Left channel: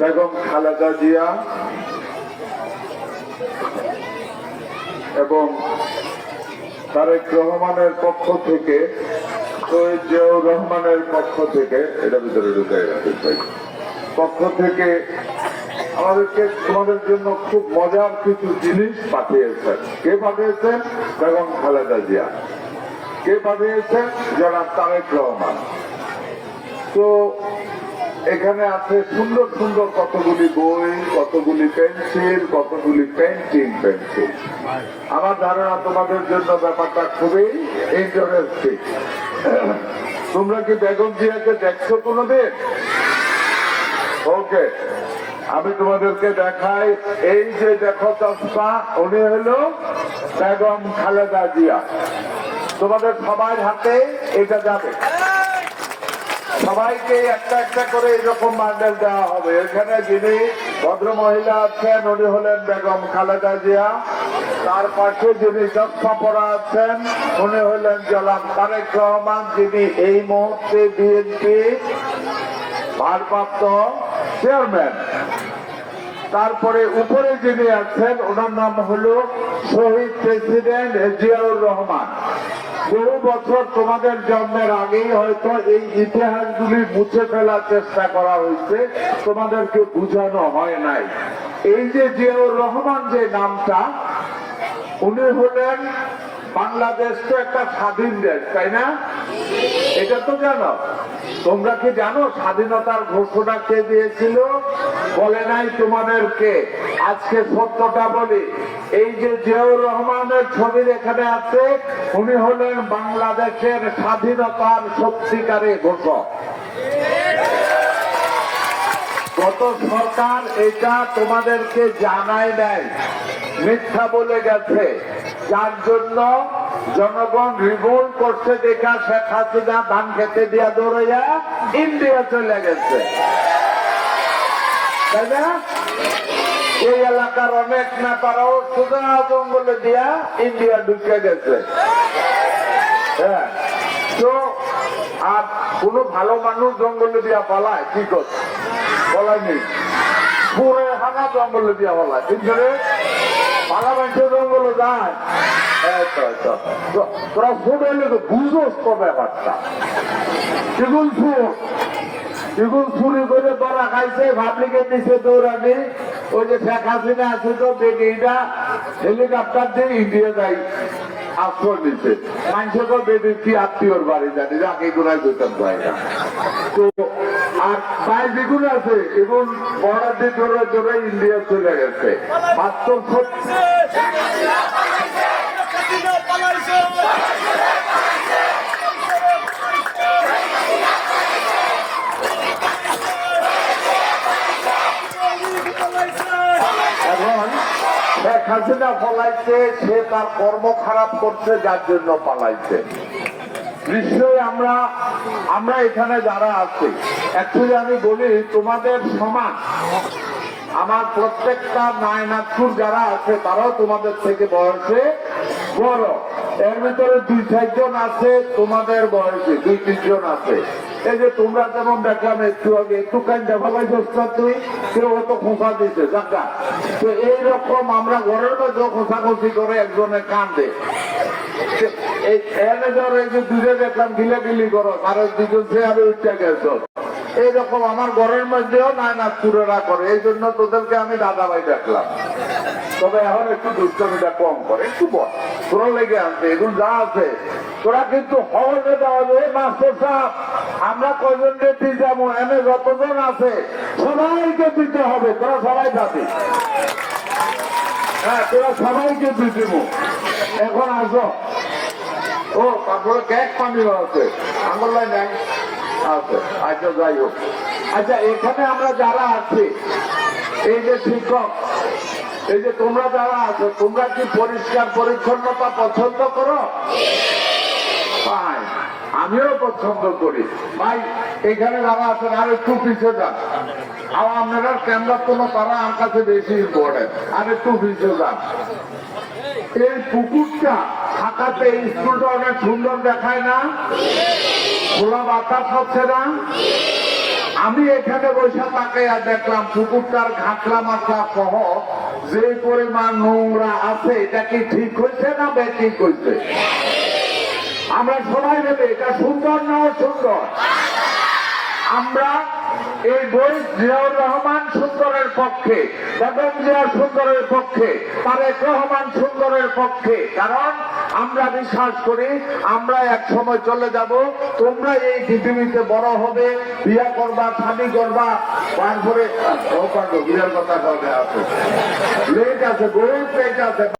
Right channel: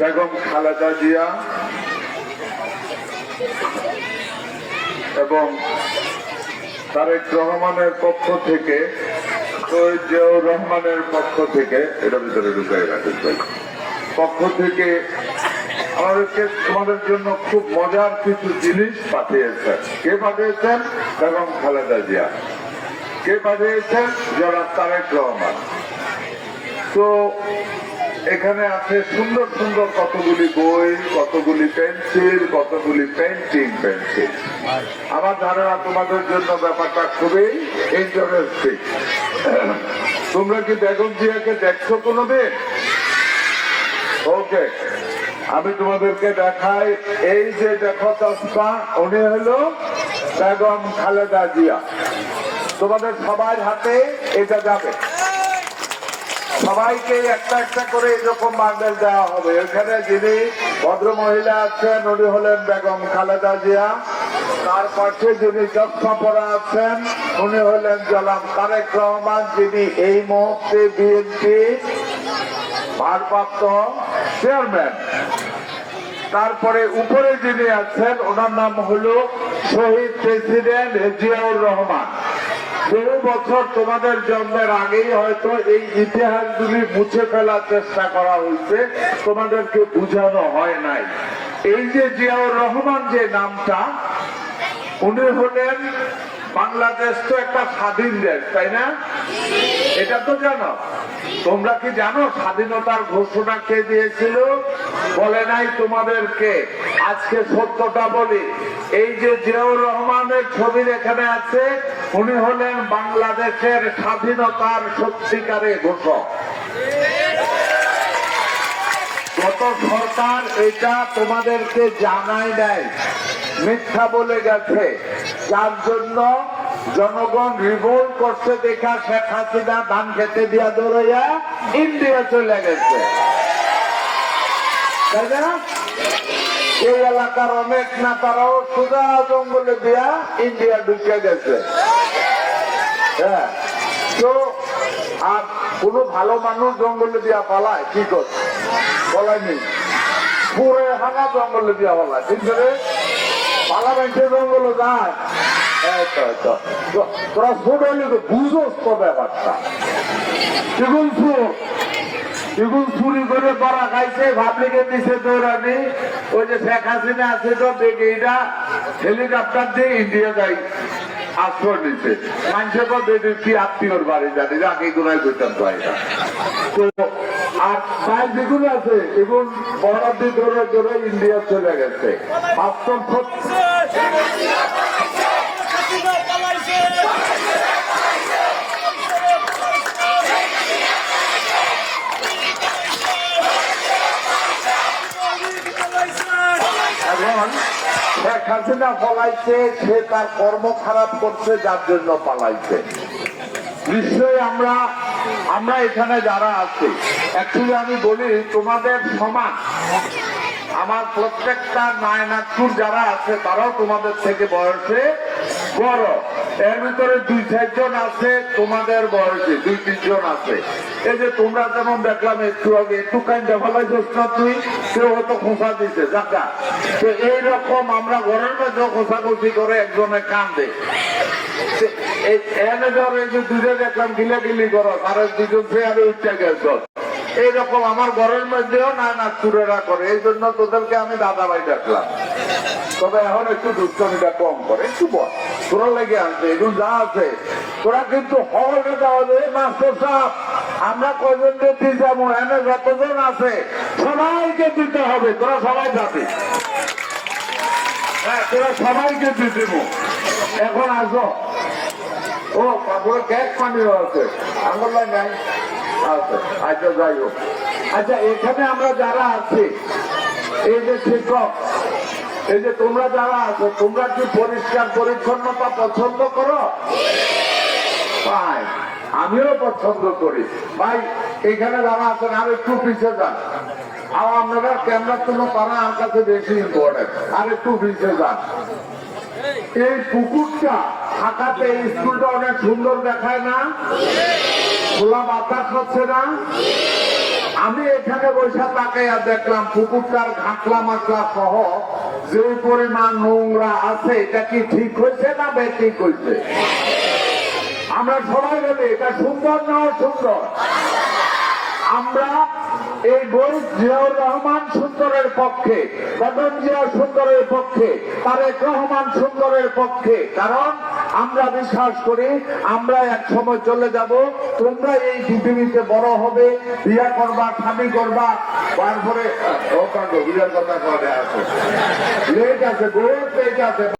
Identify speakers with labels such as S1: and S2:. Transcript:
S1: বেগম খালেদা জিয়া এবং তারেক রহমানের পক্ষ থেকে রহমানের পক্ষ থেকে, এটা ভিতরে ঢুকে পক্ষ থেকে আমাদেরকে, তোমাদের জন্য খুব মজার কিছু জিনিস পাঠিয়েছেন। কে পাঠিয়েছেন? বেগম খালেদা জিয়া। কে পাঠিয়েছেন? যারা তারেক রহমান। তো এখানে আছে সুন্দর সুন্দর কতগুলি বই, কতগুলি পেন্সিল, কতগুলি পেন্টিং পেন্সিল। আমার ধারণা তোমাদের জন্য ব্যাপারটা খুবই ইন্টারেস্টিং তোমরা কি বেগম জিয়াকে দেখছ কোনোদিন? ওকে আমি তোমাদেরকে দেখাই। এই যে দেখো চশমা, উনি হলো বেগম খালেদা জিয়া। তোমাদের সবার হাতে এটা যাবে। সবাইকে একটা একটা করে এরকম বান্ডেল দেওয়া হবে। এখানে যিনি ভদ্র মহিলা আছেন, উনি হলেন বেগম খালেদা জিয়া। তার পাশে যিনি চশমা পরা আছেন, উনি হলেন জেলাম তারেক রহমান, যিনি এই মুহূর্তে বিএনপি ভারপ্রাপ্ত চেয়ারম্যান তারপরে উপরে যিনি আছেন, ওনার নাম হলো শহীদ প্রেসিডেন্ট জিয়াউর রহমান। বহু বছর তোমাদের জন্মের আগেই হয়তো এই ইতিহাসগুলি মুছে ফেলার চেষ্টা করা হয়েছে। তোমাদেরকে বুঝানো হয় নাই। এই যে জিয়াউর রহমান যে নামটা, উনি হলেন বাংলাদেশ তো একটা স্বাধীন দেশ, তাই না? এটা তো জানো। তোমরা কি জানো স্বাধীনতার ঘোষণা কে দিয়েছিল? বলে নাই তোমাদেরকে। আজকে সত্যটা বলি, এই যে জিয়াউর রহমানের ছবি এখানে আছে, উনি হলেন বাংলাদেশের স্বাধীনতার সত্যিকারে ঘোষক। গত সরকার এটা তোমাদেরকে জানাই নাই, মিথ্যা বলে গেছে। যার জন্য জনগণ রিভোল্ট করছে দেখা শেখ হাসিনা ধান খেতে দিয়া দৌড়াইয়া ইন্ডিয়া চলে গেছে। এই এলাকার অনেক নেতারাও সুদা জঙ্গলে দিয়া ইন্ডিয়া ঢুকে গেছে। হ্যাঁ। তো ভালো মানুষ জঙ্গলে দিয়া পালায়, কি করছে বলায়নি পুরো হানা জঙ্গলে দিয়া পালায়। কিন্তু রে? পালা মানুষে জঙ্গলে যায়। তো- তোরা ছোট হইলে তো বুঝোস তো ব্যাপারটা। কিগুল ফুর কিগুল চুরি করে ধরা খাইছে ভাবলিকে নিচে দৌড়ানি। ওই যে শেখ হাসিনা আছে তো বেডিটা হেলিকপ্টার দিয়ে ইন্ডিয়া যাই। আশ্রয় বেডি আত্মীয়র বাড়ি জানি যাকে দোলাই করতাম হয়। আর সাইজ আছে এগুলো বর্ডার দিয়ে ধরে ইন্ডিয়া চলে গেছে
S2: হাসিনা পালাইছে
S1: এখন হাসিনা সে তার কর্ম খারাপ করছে, যার জন্য পালাইছে। নিশ্চয়ই আমরা আমরা এখানে যারা আছি অ্যাকচুয়ালি আমি বলি, তোমাদের সমান আমার প্রত্যেকটা নায়নাথপুর যারা আছে, তারাও তোমাদের থেকে বয়সে বড়। এর ভিতরে দুই চারজন আছে, তোমাদের বয়সে দুই তিনজন আছে। এই যে তোমরা যেমন দেখলাম একটু আগে, একটু তুই খোঁচা দিছে জাকা তো এইরকম আমরা ঘরের মধ্যে খোঁচাখুচি করে একজনে কান্দে। দুধে দেখলাম করো আর দুজন সে গেছো। এইরকম আমার ঘরের মধ্যেও না না চুরেরা করে, এই জন্য তোদেরকে আমি দাদা ভাই দেখলাম। তবে এখন একটু দুষ্টমিটা কম করে, একটু বল তোরা লেগে আনছে এগুলো যা আছে, তোরা কিন্তু দেওয়া যায় মাস্টার সাহেব। আমরা কজন দিতে এনে যতজন আছে, সবাইকে দিতে হবে, তোরা সবাই যাবে। হ্যাঁ তোরা সবাইকে দেবো। এখন আসো। ও, তারপরে কেক আছে। আছে আচ্ছা যাই হোক। আচ্ছা এখানে আমরা যারা আছি, এই যে শিক্ষক এই যে তোমরা যারা আছো, তোমরা কি পরিষ্কার পরিচ্ছন্নতা পছন্দ করো? আমিও পছন্দ করি। ভাই, এখানে যারা আছেন, আর একটু পিছিয়ে যান। আর আপনারা ক্যামেরার জন্য পারা আর কাছে বেশি ইম্পর্টেন্ট আর একটু পিছিয়ে যান। এই পুকুরটা থাকাতে স্কুলটা অনেক সুন্দর দেখায় না? খোলা বাতাস হচ্ছে না? আমি এখানে বসে তাকাইয়া দেখলাম, পুকুরটার ঘাটলা মাকলা সহ যে পরিমাণ নোংরা আছে, এটা কি ঠিক হয়েছে না বেঠিক হয়েছে? আমরা সবাই ভেবে এটা সুন্দর না অসুন্দর? আমরা এই বই জিয়াউর রহমান সুন্দরের পক্ষে, বেগম জিয়া সুন্দরের পক্ষে, তারেক রহমান সুন্দরের পক্ষে, কারণ আমরা বিশ্বাস করি, আমরা এক সময় চলে যাব, তোমরা এই পৃথিবীতে বড় হবে, বিয়া করবা স্বামী করবা, তারপরে বিয়ের কথা লেট আছে আছে।